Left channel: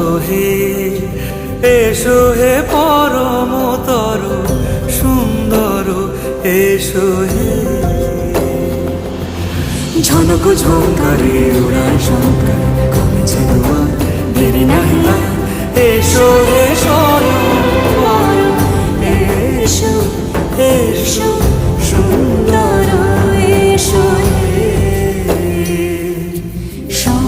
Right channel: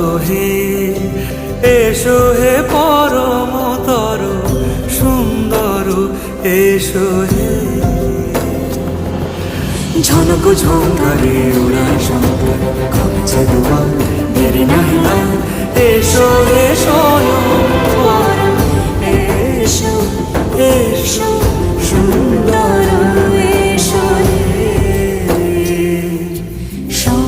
এসো হে, এসো হে পরমতর সুন্দর, এসো হে। ঝনক ঝঙ্কারে উড়ায় শঙ্কার, কমেছে দুয়ার, দেরি নাহি আর। এসো হে স্বয়ং বর, এসো এসো সুন্দর।